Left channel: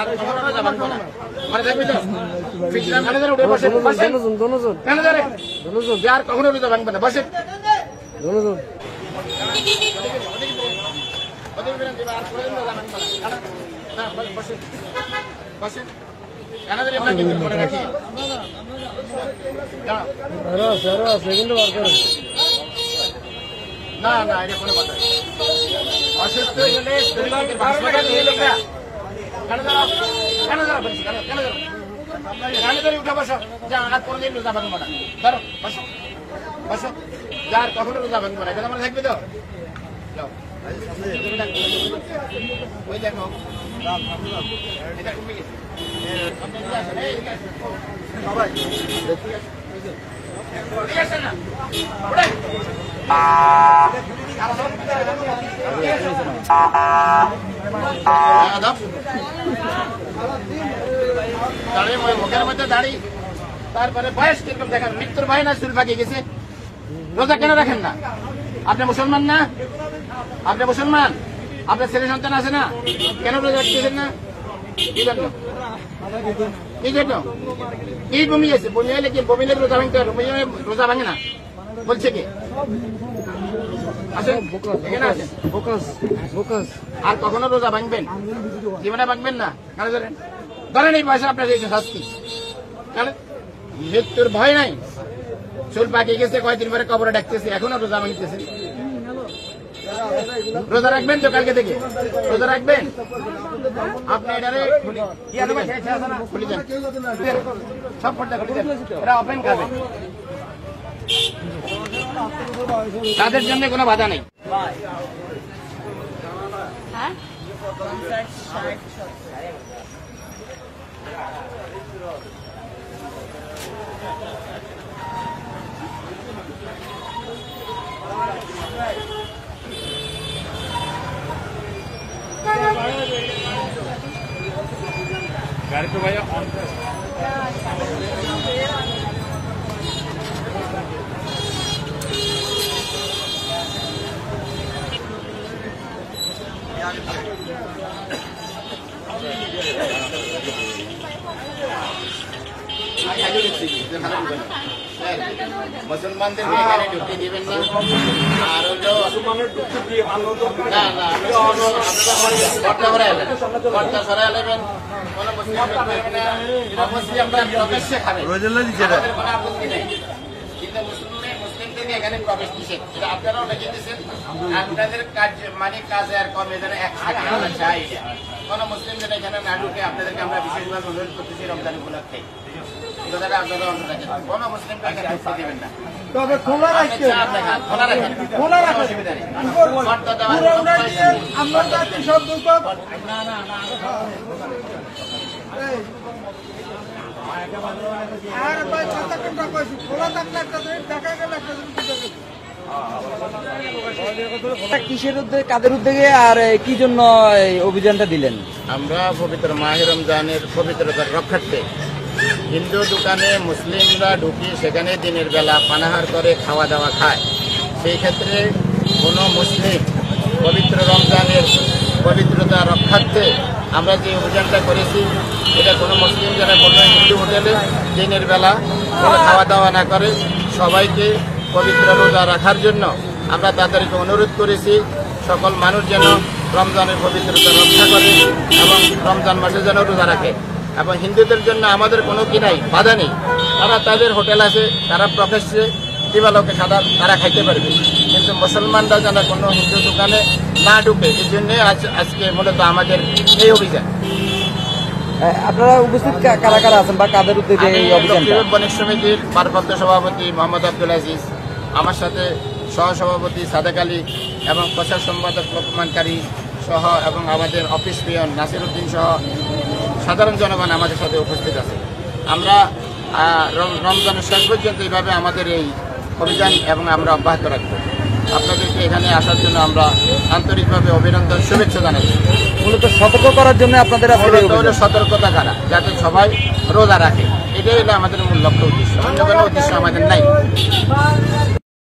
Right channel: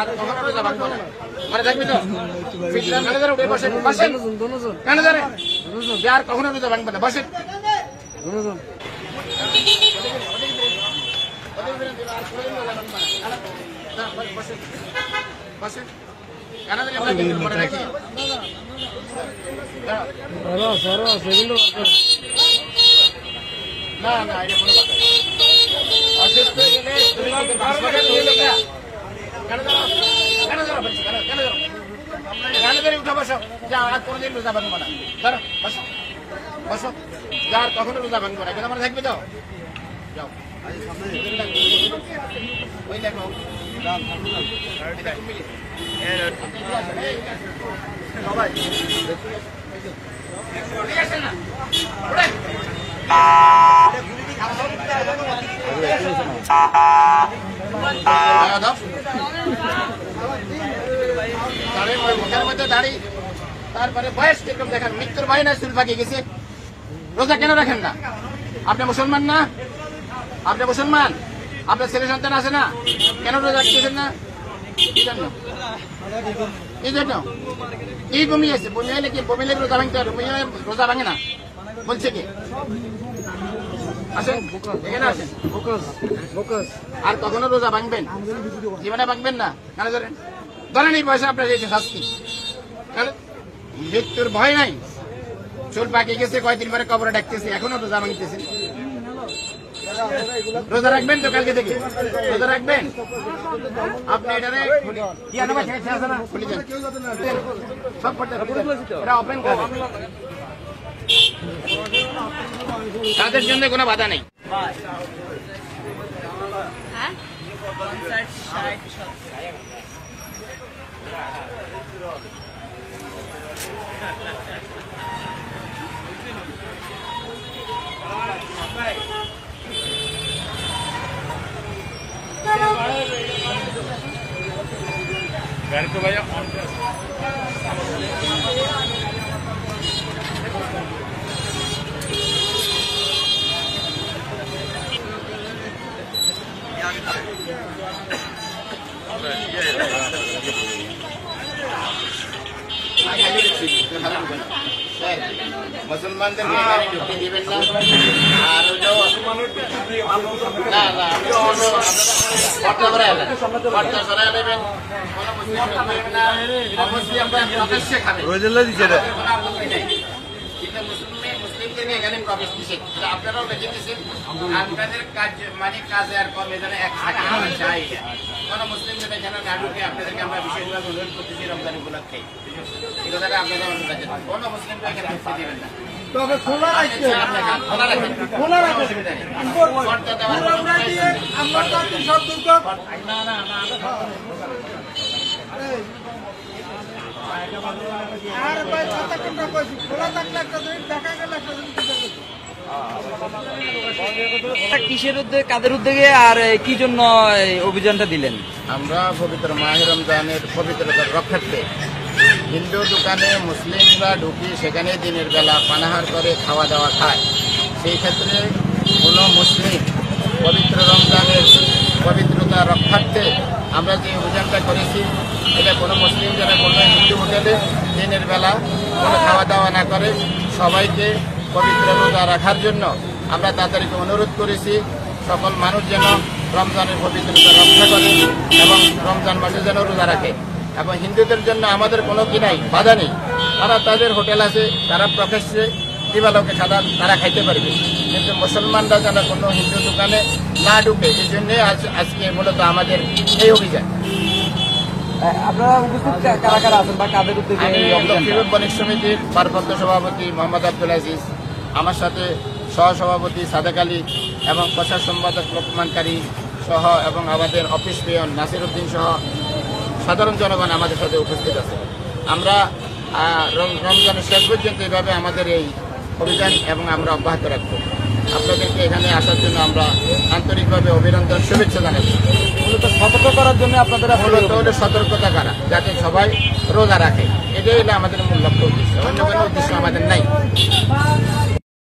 আর কখনো রোজা ভাঙবো না, মানে দেখবি তো ম্যানেজার উঠে বসে বসেন, ম্যানেজার আর কখনো রোজা ভাঙবো না, বসেন না না, এটা কোনো কথা অসুস্থ হলে উঠে বসো, যা আর কোনদিন রোজা ভাঙবো না, ধরো বসো বসো, যা আর কখনো রোজা ভাঙবো না, এটা মানে থাকবে তো, যাও ওই দেখো এটা কমে গেছে, ঠিক আছে না মুখের মধ্যে দাড়ি, তারপরে বয়স কিরকম দেখেন, মৃত্যুর ভয় না চুল পাকিয়ে গেছে, রোজা কেন রাখেন না? আপনি মুসলমান না? আপনি মুসলমান, আপনার ছেলে সন্তান আছে না, কেন রোজা রাখতেছেন না? কি জন্য? কি জন্য? কি বমি আছে? বমি হলে কি বমি লেগে রোজা ভাঙতে পারে? বমি হয়ে রোজা ভাঙে না বলছে কি? আর কখনো রোজা ভাঙবেন? জীবনে ভাঙবেন না। ধরেন এই পয়সা আপনার দিয়েছে শাস্তি, মৃত্যুর ভয় নাই, চুল পাকিয়ে গেছে, কয়েকদিন পরে কবরে ডাকতেছে, এখনো রোজা ভাঙতেছে। রোজা রাখবেন তো কালকে থেকে? রোজা রাখবেন আপনি? এখানে খুলে যান সব, তাদের জন্য কোনো বাধা নেই। ভাইয়া মুসলমানদেরকে এখানে ঢুকতে দিবেন না। আর এখানে প্রবেশ দিচ্ছেন, আপনারাও দেখে দিচ্ছেন, আপনাদের কাজ মানে কাজে আর কমে যেন এক চাই, কোন মুসলিমদের এখানে না ঢুকে আপনাদেরকে আমরা বিশেষভাবে অনুরোধ করতেছি রমজান উপলক্ষে এই কথাটা আপনারা অনুরোধ রাখেন, কোন মুসলিমকে এখানে ঢুকতে দিবেন না। তবে খোলা রাখেন, খোলা রাখেন, খোলা রাখেন, অসুবিধা নেই। না না না, আর ভাই ছাতা কোনটা কইছি, খোলা থাকলে একটা দিন দেখা গেল একটা দিন কিসের উদ্যোগে, কাদের উদ্যোগে আর কি জন্য অভিযানটা দিলেন? আমরা পবিত্র মাহে রমজানের পবিত্রতার রক্ষার্থে হিন্দু দোকানে মুসলিমরা ঢুকি, সেখানে দিনের বেলা পানাহার করে খাওয়া দাওয়া খায়। সেই ক্ষেত্রে কোনো মুসলিম পবিত্র রমজানের পবিত্রতা রক্ষার্থে আমরা যে অভিযানটা করেছি, এটা কোনো মুসলিম যেন কোনো হিন্দু হোটেলে দিনের বেলা কোনো খাওয়া দাওয়া না করে, সবাইকে পবিত্র রোজা রাখার জন্য আমরা তাদেরকে অনুরোধ করেছি। সকল মানুষ যেন রমজানের পবিত্রতা রক্ষা করে এবং রমজান মাসে যেন রোজা রাখে। এবং হিন্দুদের জন্য আমাদের কোনো কি নাই, বাধা নেই, তারা তাদের হোটেল আছে, তারা প্রফেসে দিবালোকে তারা খাইতে পারবে, কিন্তু মুসলমানরা যেন কোনো হিন্দু দোকানে না ঢুকে, এই জন্য আজকে মূলত আমাদের এই অভিযান। আপনারা উপস্থিত কারা কারা আছেন বা কাদের উদ্যোগে? আমি লক্ষ্মীপুর বণিক সমিতির ভারপ্রাপ্ত সভাপতি মোহাম্মদ আব্দুল আজিজ, আমার সাথে সহসভাপতি সাদেক আলী এবং প্রচার সম্পাদক লোকমানকারী সহ এবং আমাদের অফিস পিয়ন নাসির উদ্দিন সহ সাধারণ জনগণ আমাদের সাথে উপস্থিত আছে। আমরা রমজানের শেষ পর্যন্ত এইভাবে আমাদের এই অভিযান এবং আমরা অব্যাহত রাখব। আপনাদেরকে এখানে আসার জন্য আমরা আন্তরিকভাবে অভিনন্দন, শুভেচ্ছা জানাচ্ছি। সতর্ক করার জন্য আপনাদের হলো সতর্কতা করা, যাতে সবাই রোজা রাখে, এটাই হলো আমাদের মূল লক্ষ্য উদ্দেশ্য, অন্য কোনো উদ্দেশ্য আমাদের নাই।